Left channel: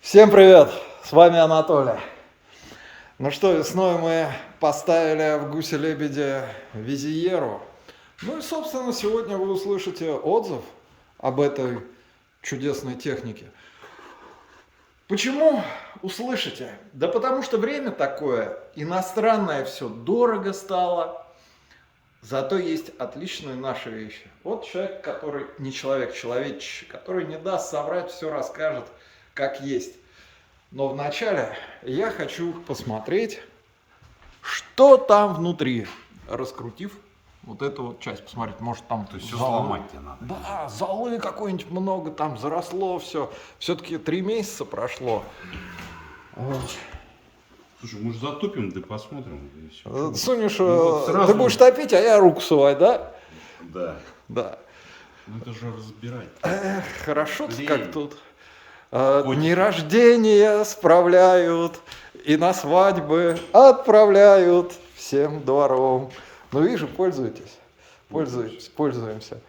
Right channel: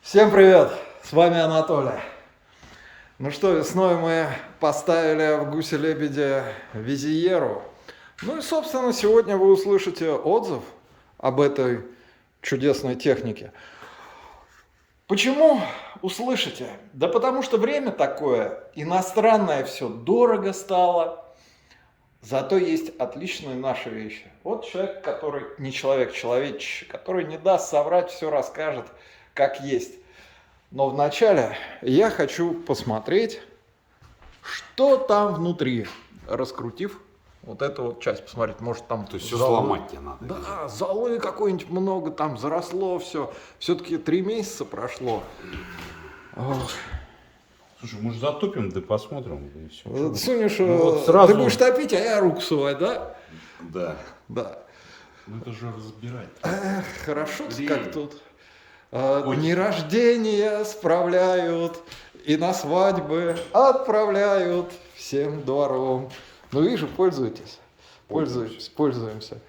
Всем привет! С вами Анатолий. Ну что, весной мы поставили в Гусе-Лебеде Визиеру. Ну и, собственно, сегодня вы услышите отзыв об этой чудесной технике. Почему услышите? Да потому что время такое, иностранное все, дорого стало. Зато есть отличные наши вещи. Вот человек, который не человек, человечище, который не даст соврать, все расскажет, как есть. Но вначале я хочу посмотреть, что там внутри, раскрутив вот эту вот часть, посмотреть, может там То есть все золы. сломать тебе надо. Да, золы какой-нибудь много, там заросло все. Все-таки 3 месяца прошло. Ох. Слушай, может затопим, да посмотрим, и все. Сунешь, вот сразу... ты будешь топить, а я руку сувать, да? Да. Да. Ну это же разбирать. Эх, хорошо, Блин. как тут. Дни рождения справляют и на свадьбы отправляют всем двором. Ну, вижу, пользуетесь. Пользуемся.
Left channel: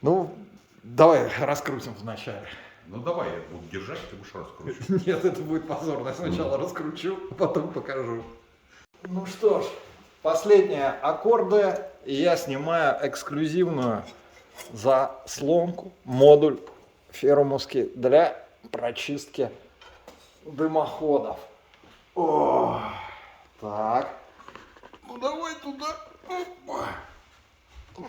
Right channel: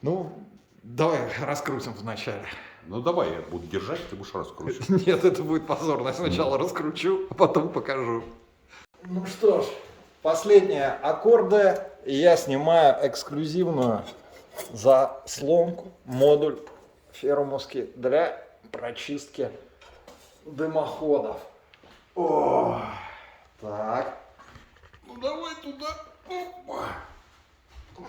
Ну, давай раскрутим вначале. Ну давай, я буду держать, ты будешь раскручивать. Нет, это будет позорно. Я сначала раскручу, а потом покажу. Ну что ж, последние аккорды. И я снимаю эксклюзивную заслонку, модуль фермовский для прочистки дымоходов. О, так. Ну давай туда. Опа.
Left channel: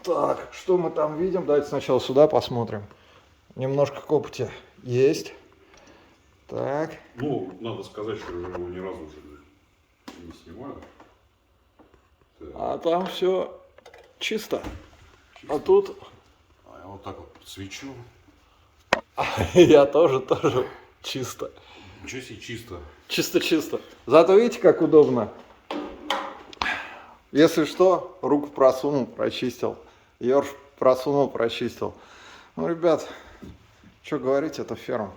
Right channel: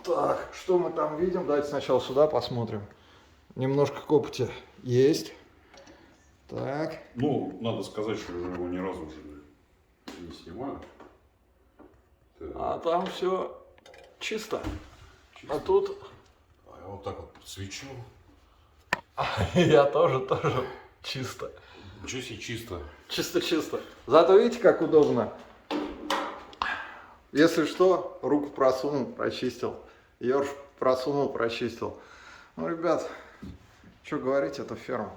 Так, что мы там видим? Давайте сначала сюда посмотрим. Немножко копоти есть. Так. Ну, надо сказать, что его ни разу уже не снимали. Так. А там все чисто. А тут А я вот так вот подсвечу. я тоже чисто. Ничего себе чисто. Чисто. Зато видите, как удобно. Если что, руку просунул, прочистил. Ёрш просунул, прочистил. Ну, ребят, что говорить, это ферма.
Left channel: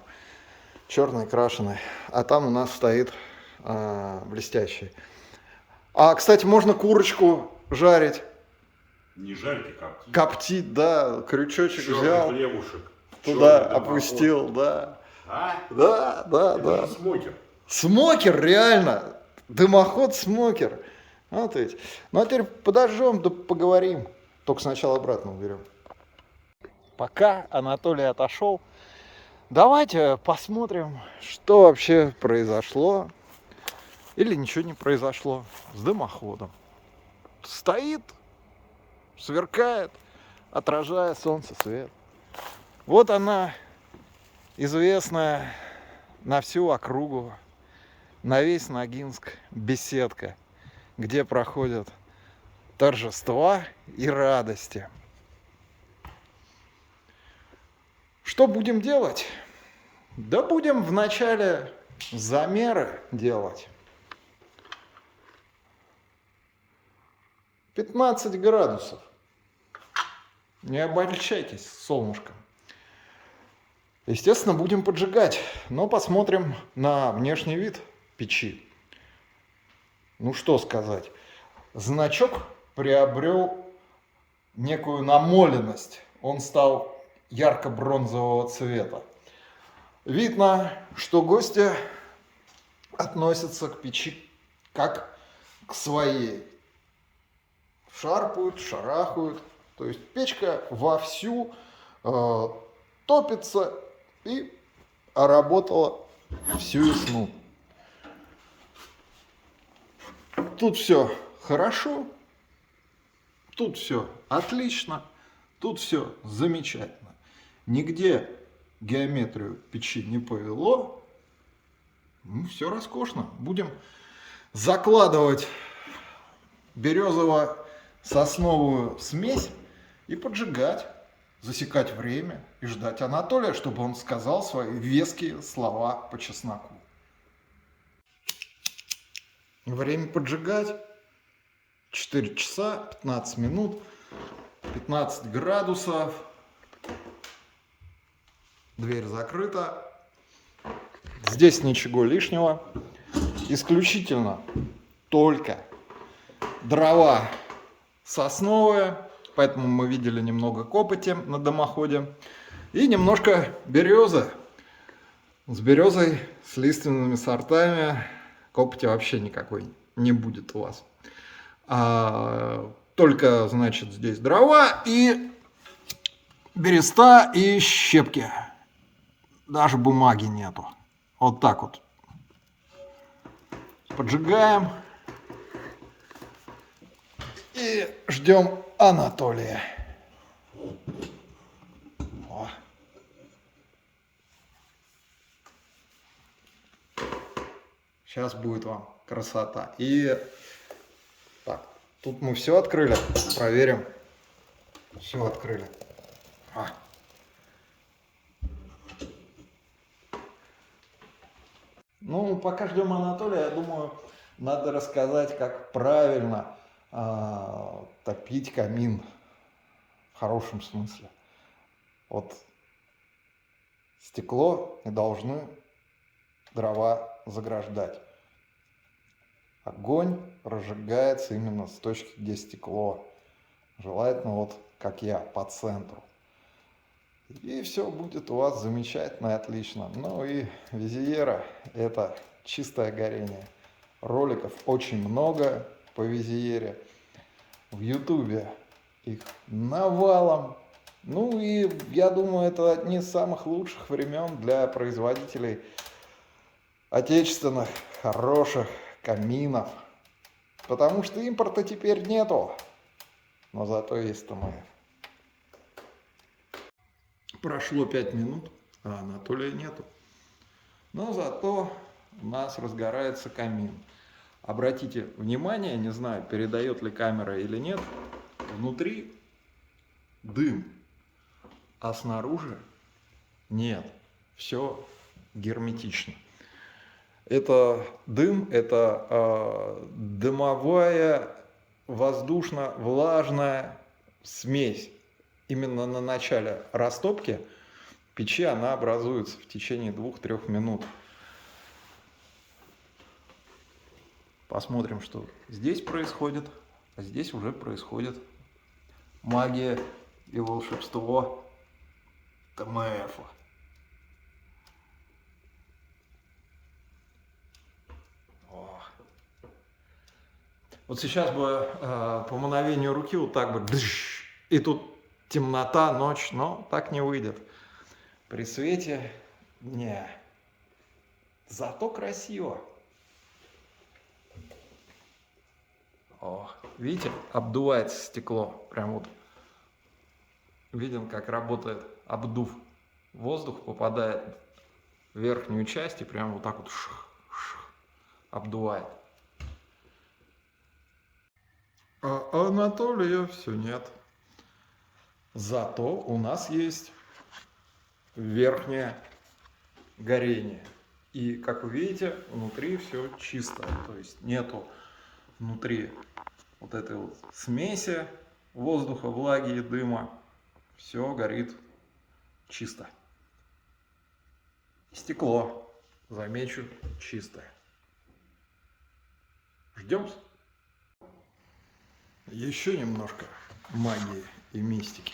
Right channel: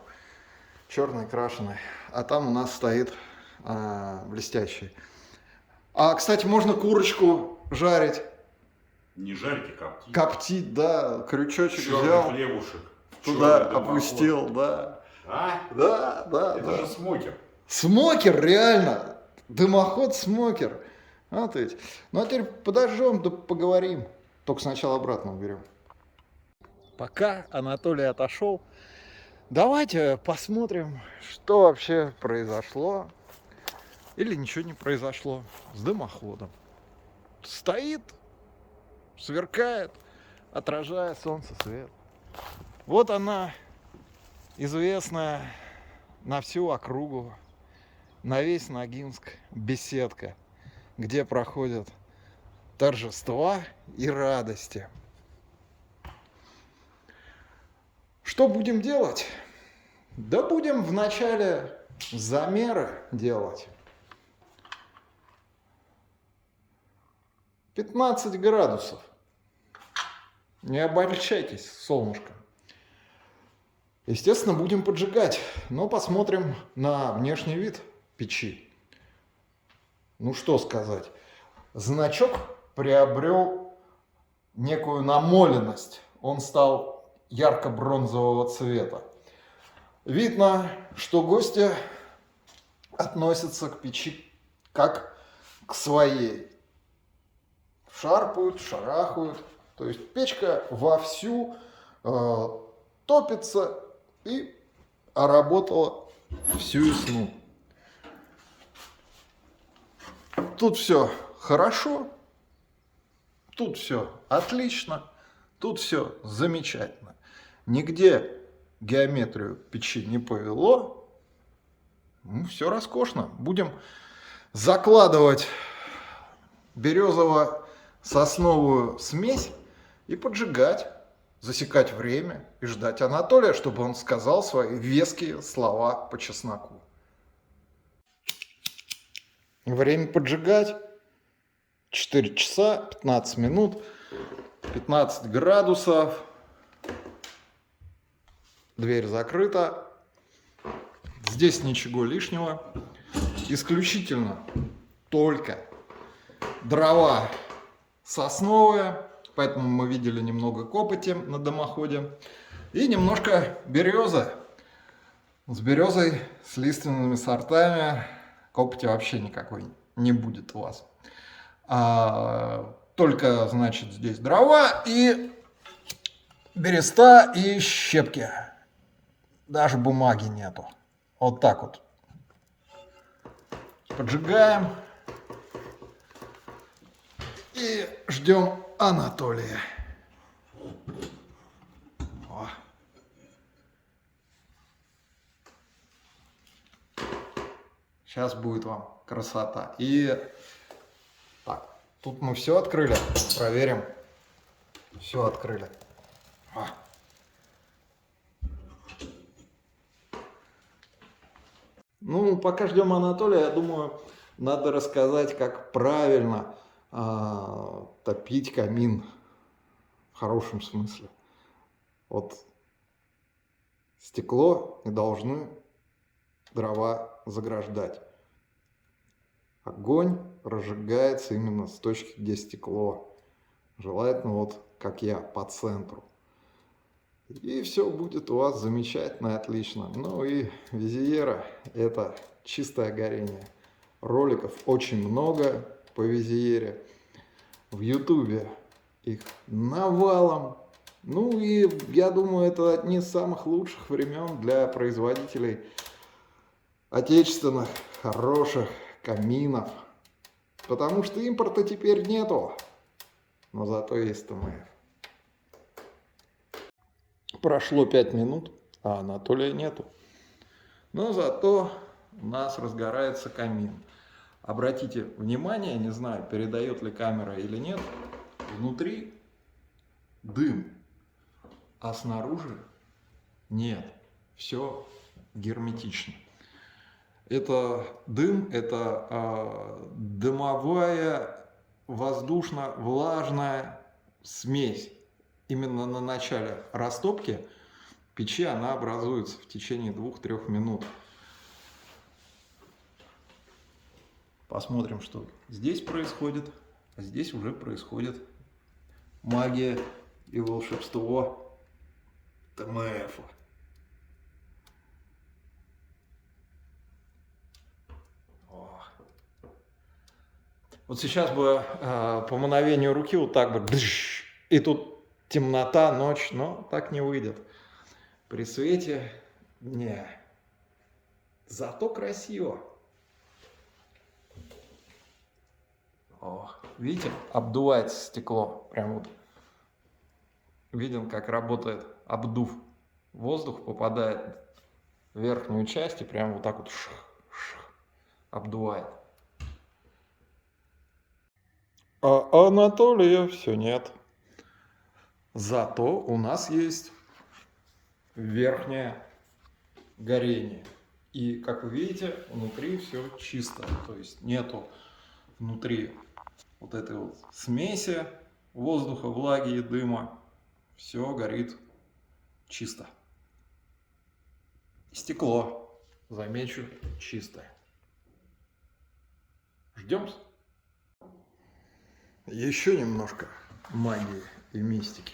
Черный крашеный. А там у нас стоит блестящий. А, кстати, можно курочку жарить. Не жарить, а коптить. Коптить, да. Крючочек Черный взял, хлебушек. туда Черный опустил, да. А? Да. Это же смокер. Смокер, реально. Дымоход смокер. Вот ведь. Ну а теперь подожжем, да поговорим. Только сначала обратно уберем. Пока Анатолий отошел, давайте посмотрим, что вообще произошло. Или ничего не произошло с дымоходом. Стоит, сверкает, отражая солнце свет. Вот она, известная на всю округу, на весь Ногинск беседка, где проходят торжества и радости. Что будем делать? Да будем вначале замеры делать. 15 градусов. Не обольщайтесь, солнышко. Естественно, будем поджигать, но посмотрим на внешний вид печи. Ну что сказать, значок приобрел некую намоленность, он стал ярко-бронзового цвета. Видно, что гости относятся к печи как к своей. Шарпают, шарахают, то есть печка вовсю топится и работала всю весну. Тут все хорошо, тут все отлично, тут все замечательно. Нигде геометрию печи не повело. Ну, все роскошно. Будем закладывать березово-сосновую смесь и поджигать, засекать время и ждать Анатолия, чтобы он сказал свои веские слова по чесноку. Время поджигать 4 часа 15 минут, 15 градусов, дверь закрыта, здесь ничего лишнего, исключительно только дрова сосновые, поэтому мы видели немного копоти на дымоходе, И немножко березы. С березой, с лиственными сортами копоти вообще никакой не будет у вас. Только, значит, здесь дрова и береста и щепки. Даже бумаги нету. Вот так вот. Поджигаем. И ждем Анатолия. О. Сейчас будет вам красота. И так, тут мы все открыли. Проверим. Все открыли. Ну, пока ждем Анатолия, я думаю, надо рассказать, как правильно топить камин в хорошем смысле. Вот стекло не должны дрова заграждать. Огонь разжигается именно с точки, где стекло. Желательно вот как я, по центру. И все будет у вас замечательно и отлично. Ну и Визиера — это чистое горение. Роликов очень много по Визиере. В Ютубе их навалом. Ну и я думаю, это одни из самых лучших времен для производителей отечественных хороших каминов. Потому что импорта теперь нету. Но зато есть ТМФ. Прошло 5 минут, а Анатолия нету. Но зато у нас разгорается камин. Обратите внимание, не знаю, передает ли камера или нет, внутри дым, а снаружи нет. Все герметично. Это дым, это дымовая воздушно-влажная смесь. Именно на начале растопки печи она образуется в течение 2-3 минут. Посмотрим, что здесь происходит. А здесь уже происходит магия и волшебство ТМФ. Вот сейчас бы по мановению руки вот так бы, и тут темнота, ночь, но так не выйдет. При свете не. Зато красиво. О, видите, обдувается стекло. Прям вот видим, как работает обдув. Воздух попадает в верхнюю часть и прям вот так вот обдувает. А Анатолия все нет. Зато у нас есть верхнее горение. И, как вы видите, внутри все чисто. То есть нету внутри вот этой вот смеси воздуха, влаги и дыма. Все горит чисто. И стекло, замечу, чистое. Ждем. Еще немножко магии и мистики.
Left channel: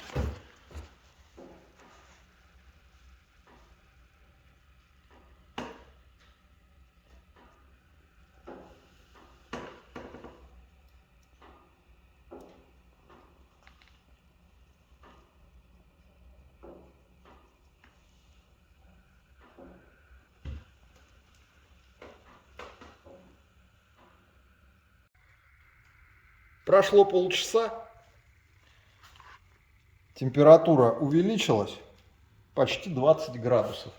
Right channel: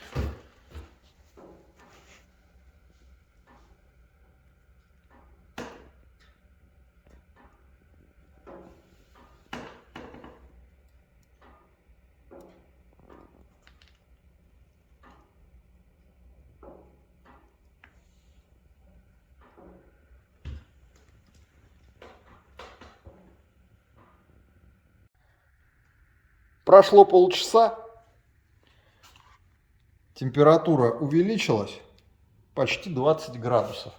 Прошло полчаса, температура увеличилась почти 20 градусов.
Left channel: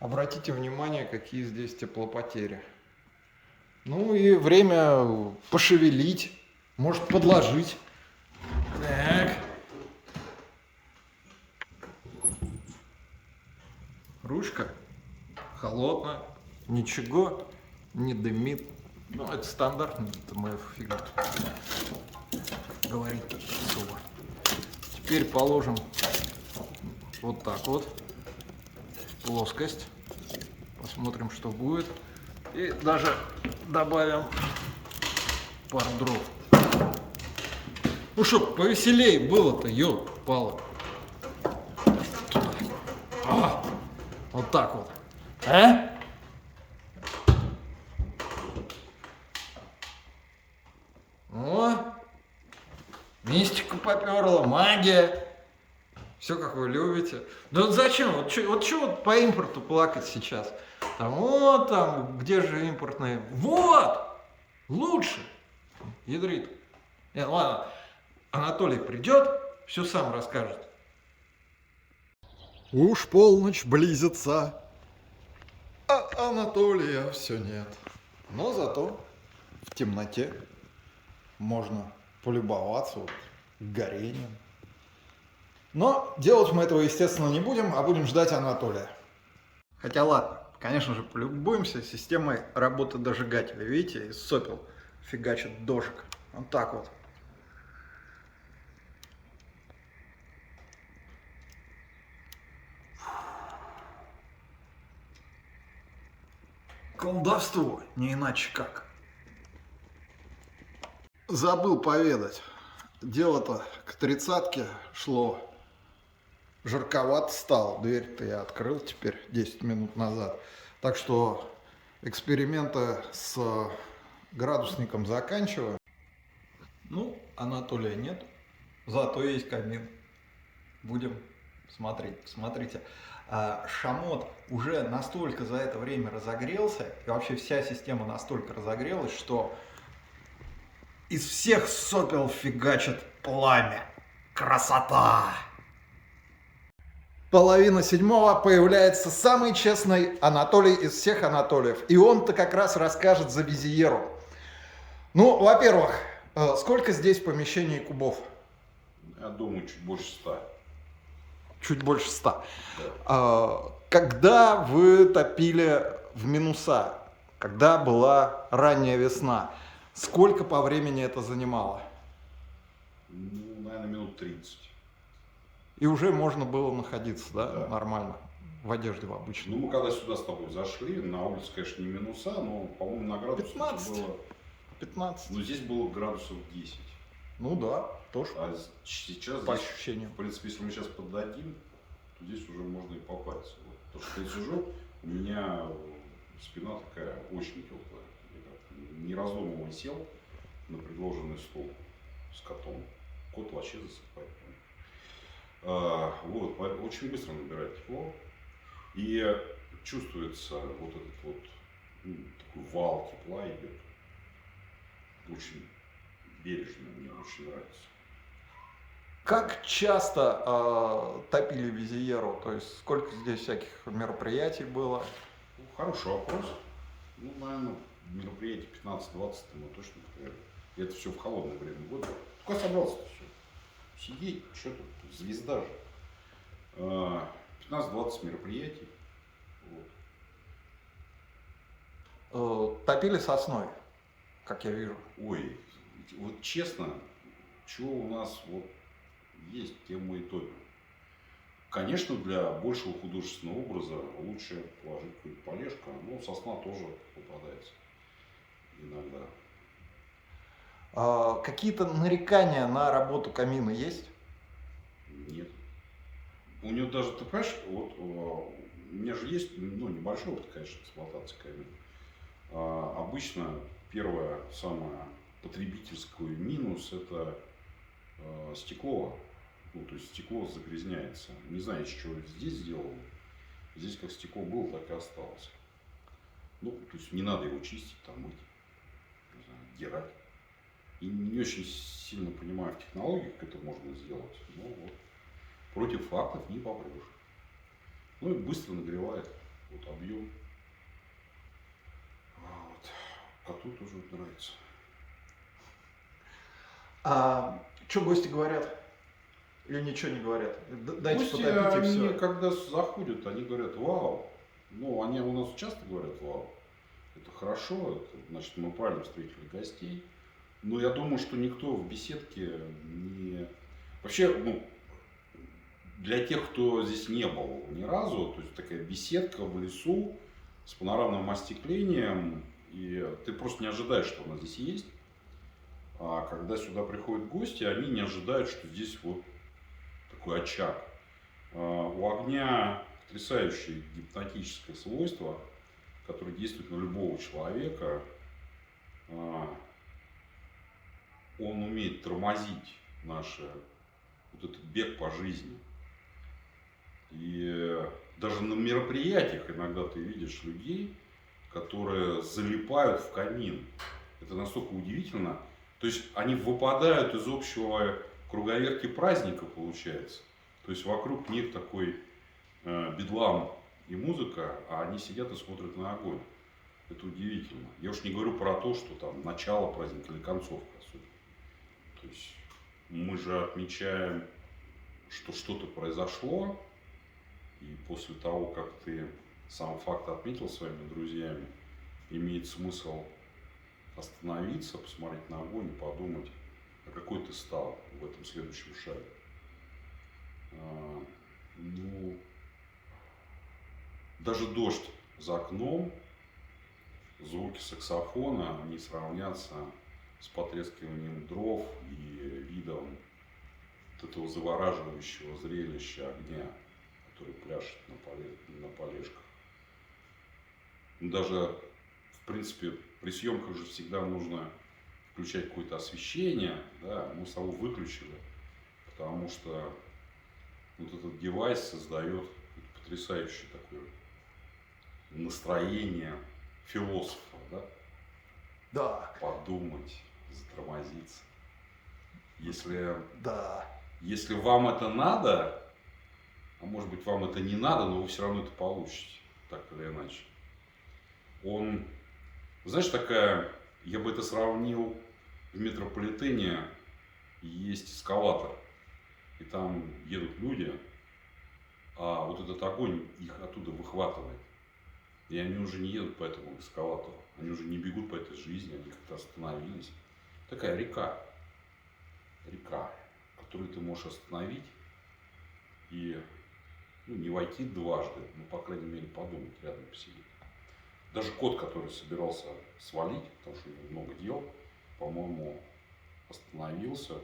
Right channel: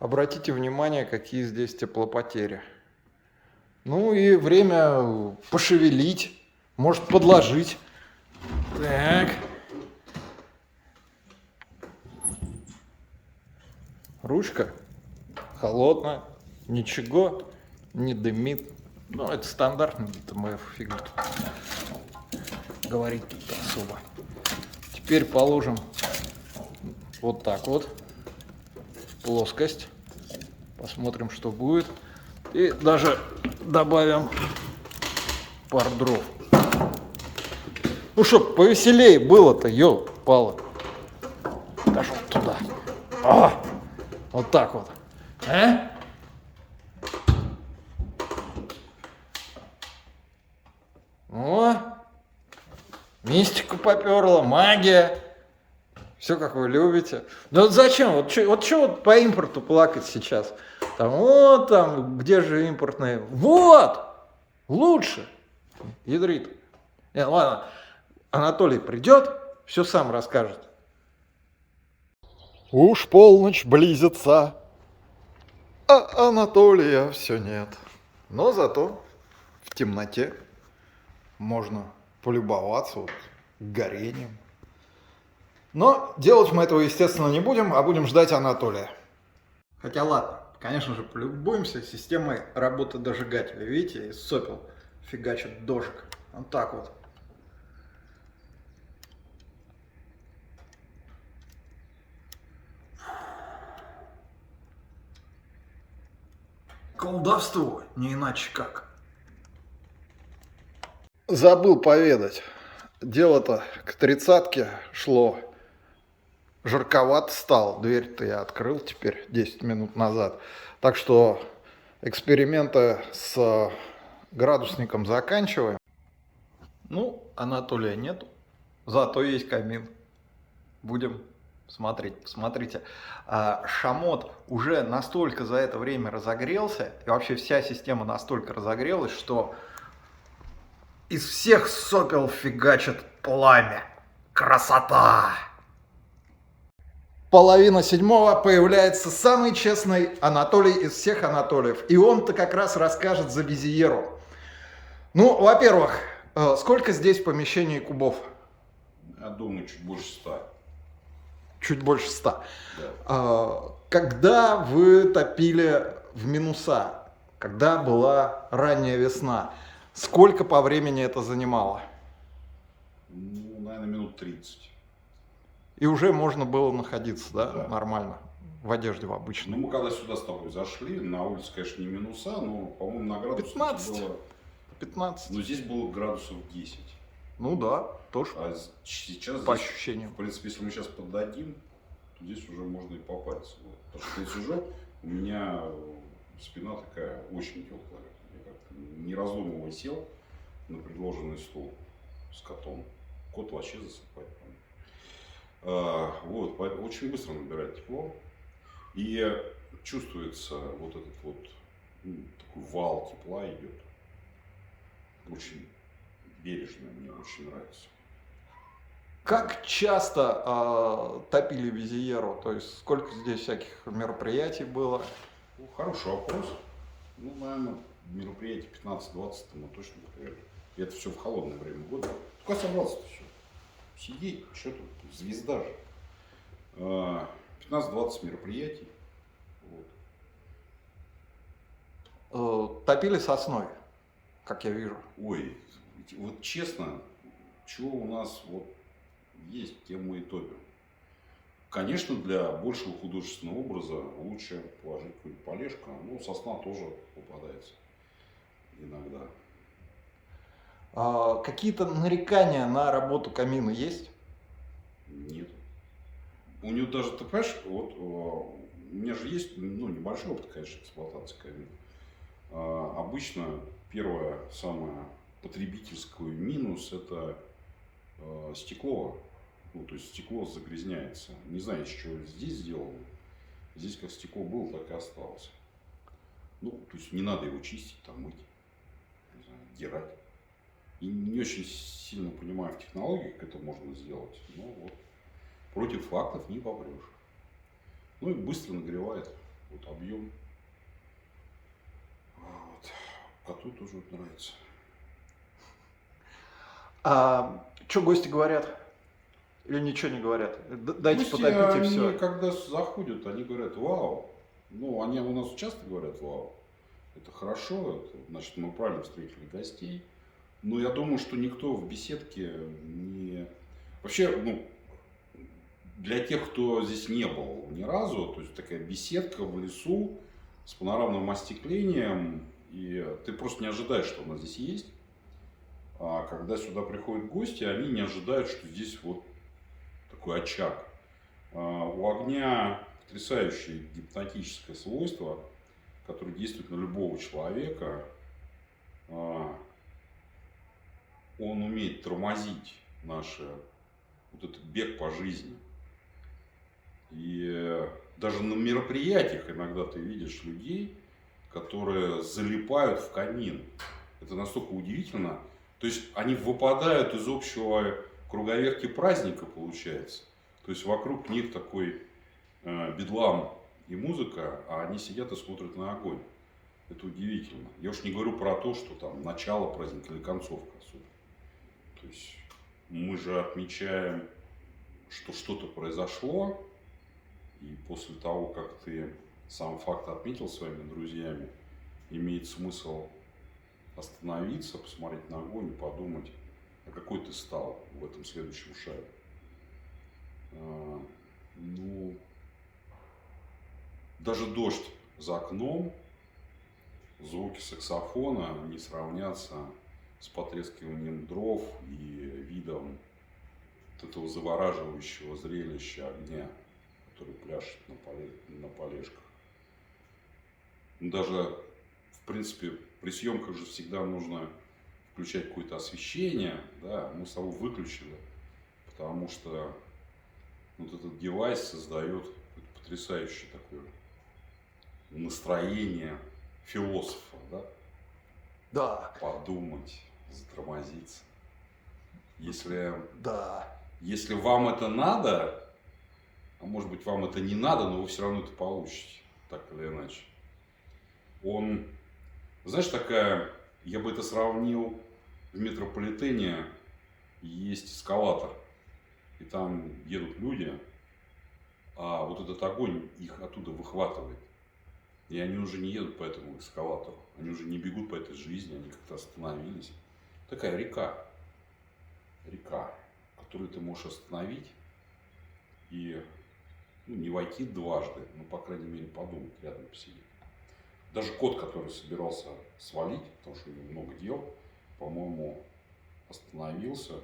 Обратите внимание, какие здесь теплопотери. Ну и время пошевелить, может подложить. Так. Ручка холодная, ничего не дымит. Ну, это стандартный ТМФ, фиг говорить особо. Теперь положим вот так вот в плоскость. Посмотрим, что будет. И даже добавим пар дров. Ну, чтоб повеселее было-то, ёлки-палы. Даже вот туда. О, вот так вот. О, мистика поперла, магия. Все, как вы любите. Да вот зачем? Вот что вот по импорту плакать сейчас? Там, вот там, где же импортные? Вот! Лучше. Ядрит. Не, ладно, Анатолий придет, все сам расскажет. Уж полночь близится, а Анатолия все нет. Но зато в темноте можно полюбоваться вот горением. Но делать мы этого, естественно, не будем, а будем ждать Анатолия. Хотя ладно, конечно же, полюбуемся системой работы дожигателя. Видите, из сопел фигачит дожиг. Вот так вот. Колдовство, не иначе как. Забыл поведать. Дело-то к 30-ке шло. Жарковато стало. Дверь-то я открыл теперь 10 минут назад. Так что эксперименты с градусником заканчиваем. Ну, Анатолия нет. Зато есть камин. Будем смотреть. Посмотрите. Шамот уже настолько за это время разогрелся, и вообще вся система настолько разогрелась, что из всех сопел фигачит пламя. Красота! 6:30 появляется самый честный Анатолий из всех Анатолиев. И он-то как раз расскажет за Визиеру. Ну, во-первых, сколько здесь помещений кубов? Я думаю, чуть больше 100. Чуть больше 100. Да. Когда вы топили в минуса, когда была ранняя весна, сколько по времени это занимало? Ну, наверное, минут 30. И уже можно было находиться, да, Да. нормально, в одежде в обычной. Ну, мы когда сюда с тобой зашли, на улице, конечно, не минуса, но, по-моему, на градусах 15. было... 15. Ну, здесь было градусов 10. Ну да, тоже А сейчас по здесь, ощущениям. в принципе, если мы сейчас поддадим, то здесь уже можно и попасть. Вот. Потому что здесь уже у меня спина такая очень теплая. Я как не раздумывая сел на предложенный стул с котом. Кот вообще засыпает. Вот, очень быстро набирает тепло. И чувствуется вот этот вот такой вал тепла идет. Очень бережно, мне очень нравится. Как часто топили Визиеру? То есть сколько здесь всяких мероприятий было? Ну, хороший вопрос. Ну, наверное, мероприятий 15-20 мы точно провели. И это все в холодное время года. Только собрался-то все. Сидеть, что тут, звезда же. 15-20 мероприятий. Вот. Топили сосной, как я вижу. Ой, вот честно, что у нас вот есть, тем мы и топим. Конечно, для большего художественного образа лучше положить какую-нибудь полежку, но сосна тоже попадается иногда. Какие-то нарекания на работу камина есть? Нет. У него даже, ты понимаешь, вот у меня же есть, ну, небольшой опыт, конечно, эксплуатации камина. Обычно первое, самое потребительское минус – это стекло. Ну, то есть стекло загрязняется. Не знаю, из чего здесь сделано. Здесь как стекло было, так и осталось. Ну, то есть не надо его чистить, там мыть, не знаю, дирать. И не очень сильно понимаю в технологиях, как это можно сделать. Но вот против фактов не попрешь. Ну и быстро нагревает вот объем. Вот. Коту тоже вот нравится. Что гости говорят? Или ничего не говорят? Дайте Гости, потопить и они, все. когда заходят, они говорят: вау. Ну, они у нас часто говорят: вау. Это хорошо, это, значит, мы правильно встретили гостей. Но я думаю, что никто в беседке не... Вообще, ну, для тех, кто здесь не был ни разу, то есть такая беседка в лесу с панорамным остеклением, и ты просто не ожидаешь, что она здесь есть. А когда сюда приходят гости, они не ожидают, что здесь вот такой очаг. У огня потрясающее гипнотическое свойство, которое действует на любого человека. Он умеет тормозить наш вот этот бег по жизни. И даже на мероприятиях иногда ты видишь людей, которые залипают в камин. Это настолько удивительно. То есть они выпадают из общего круговерти праздника, получается. То есть вокруг них такой бедлам и музыка, а они сидят и смотрят на огонь. Это удивительно. Я уж не говорю про то, что там начало праздника или концовка особенно. То есть мы же отмечаем, что что-то произошло, и после того, как ты сам факт отметил своими друзьями, имеет смысл остановиться, посмотреть на огонь и подумать, а какой ты стал в этом следующем шаге. Ну, даже дождь за окном, звуки саксофона не сравнятся с потрескиванием дров и видом вот этого завораживающего зрелища огня, который пляшет на полежках. Даже, в принципе, при съемках же всегда нужно включать какое-то освещение. Да? Мы с собой выключили, потому что вот этот девайс создает потрясающее такое настроение философа. Да? Да. Подумать, затормозиться. Да. Если вам это надо, а может быть вам это не надо, но вы все равно это получите, так или иначе. Знаешь, такая, я бы это сравнил, в метрополитене есть эскалатор, и там едут люди, а вот этот огонь их оттуда выхватывает. И они уже не едут по этому эскалатору, они уже не бегут по этой жизни, они как-то остановились. Такая река, которую ты можешь остановить и не войти дважды, но, по крайней мере, подумать, рядом посидеть. Даже кот, который собирался свалить, потому что у него много дел, по-моему, остановился.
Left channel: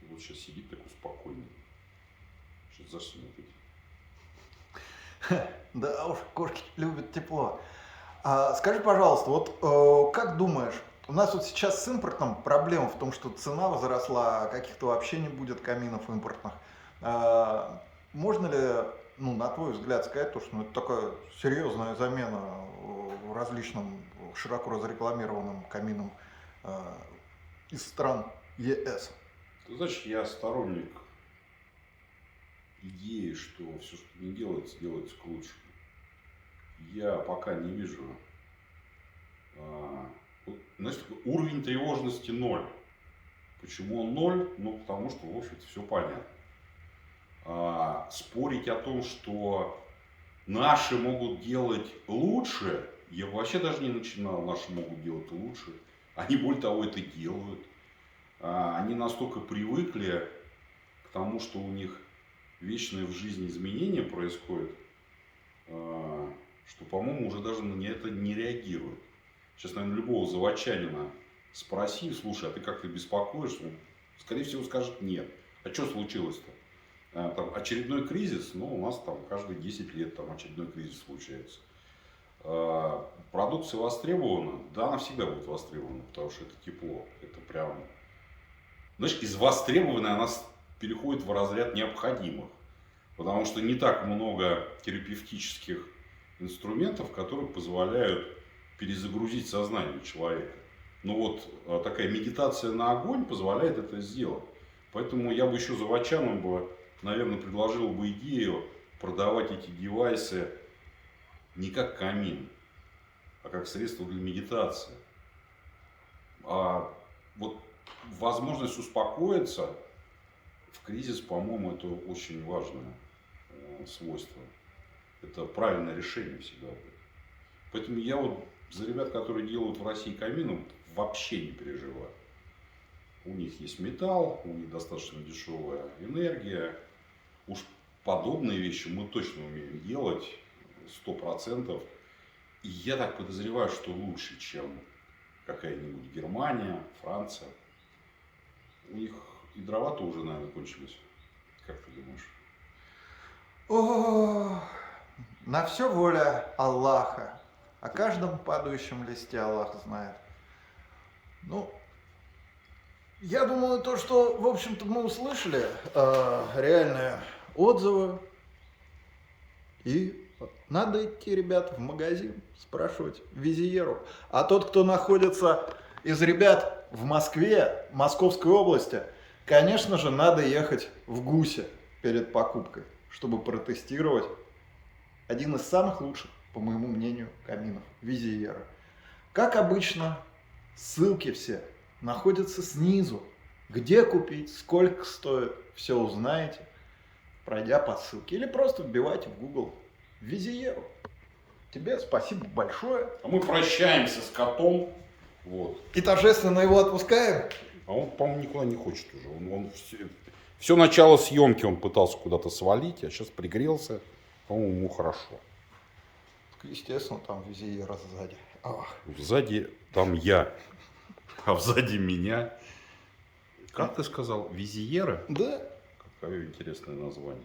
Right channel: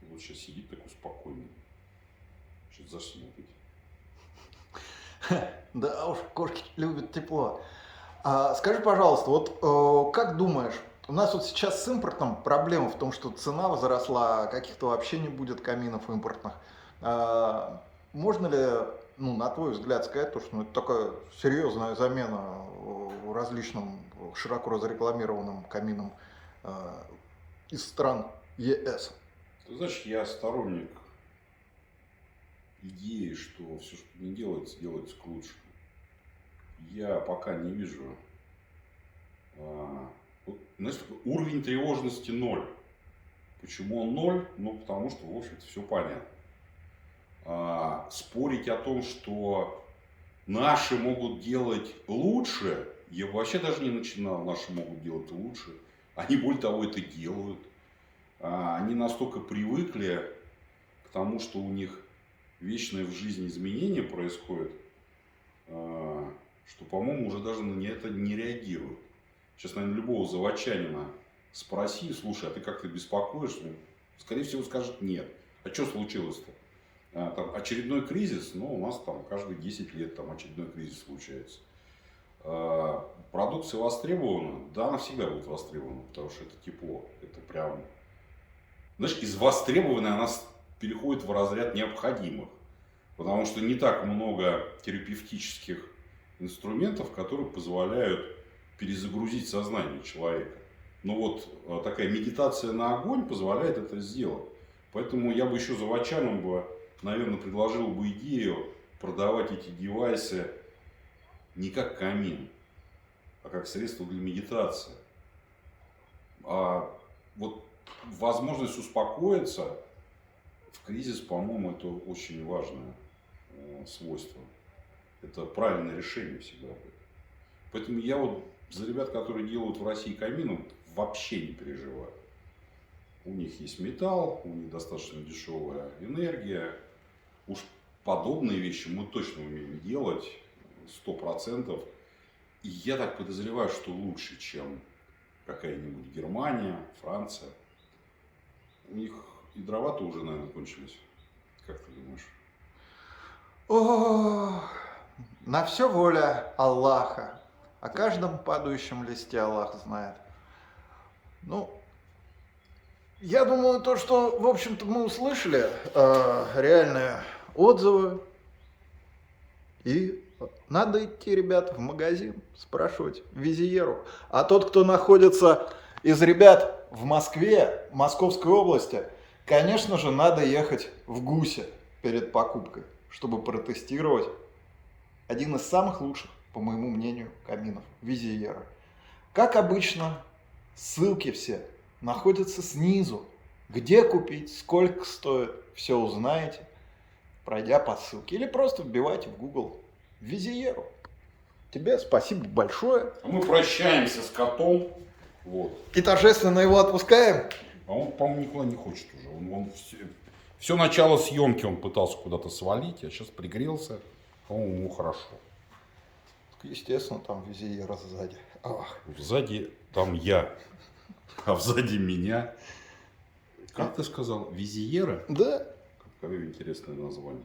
И вот сейчас сидит такой спокойный. Сейчас заснет. Да уж, кошки любят тепло. Скажи, пожалуйста, как думаешь, у нас вот сейчас с импортом проблема в том, что цена возросла, а каких-то вообще не будет каминов импортных. Можно ли, на твой взгляд, сказать, что это такая серьезная замена различным широко разрекламированным каминам из стран ЕС? Ты знаешь, я сторонник идеи, что все, что не делается, делается к лучшему. Я пока не вижу, знаешь, такой уровень тревожности 0. Почему он 0? Потому что, в общем-то, все понятно. Спорить о том, что наши могут делать лучше, я вообще даже не начинал. Наши могут делать лучше. Они, более того, это делают. Они настолько привыкли к тому, что у них вечное в жизни изменения происходит, что, по-моему, уже даже на это не реагируют. Сейчас, наверное, любого заводчанина спроси, слушай, а ты как-то беспокоишься? Скорее всего, скажет нет. А что случилось-то? Там очередной кризис, у нас там каждые 10 лет там очередной кризис случается. Продукция востребована? Да, она всегда будет востребована, потому что это тепло. Это прям, знаешь, из востребованной она переходит в разряд необходимых. Потому что не так много терапевтических инструментов, которые позволяют перезагрузить сознание человека. Но такая медитация на огонь позволяет это сделать. Поэтому я бы еще заводчанам наверное, предложил бы идею продавать эти девайсы не как камин, а как средство для медитации. Возможность успокоиться в кризис, по-моему, это очень важное свойство. Это правильное решение всегда будет. Поэтому я за ребят, которые делают в России камины, вообще не переживаю. У них есть металл, у них достаточно дешевая энергия. Уж подобные вещи мы точно умеем делать 100%. И я так подозреваю, что лучше, чем какая-нибудь Германия, Франция. У них и дрова-то уже, наверное, кончились. Как ты думаешь? О, На все воля Аллаха. О каждом падающем листе Аллах знает. Ну, я думаю, то, что, в общем-то, мы услышали, реальные отзывы. И надо идти, ребят, в магазин, спрашивать Визиеру. А тот, кто находится из ребят в Москве, Московской области, конечно же, надо ехать в Гусе перед покупкой, чтобы протестировать один из самых лучших, по моему мнению, каминов Визиера. Как обычно, ссылки все находятся снизу. Где купить, сколько стоит, все узнаете, пройдя по ссылке. Или просто вбивайте в Google Визиеру. Тебе спасибо большое. А мы прощаемся с котом. Вот. И торжественно его отпускаем. А он, по-моему, никуда не хочет уже. Он все начало съемки он пытался куда-то свалить, а сейчас пригрелся. По-моему, ему хорошо. Естественно, там Визиера сзади. Ах. Сзади там я, а сзади меня. Как ты сказал, Визиера? Да. Какое интересное название.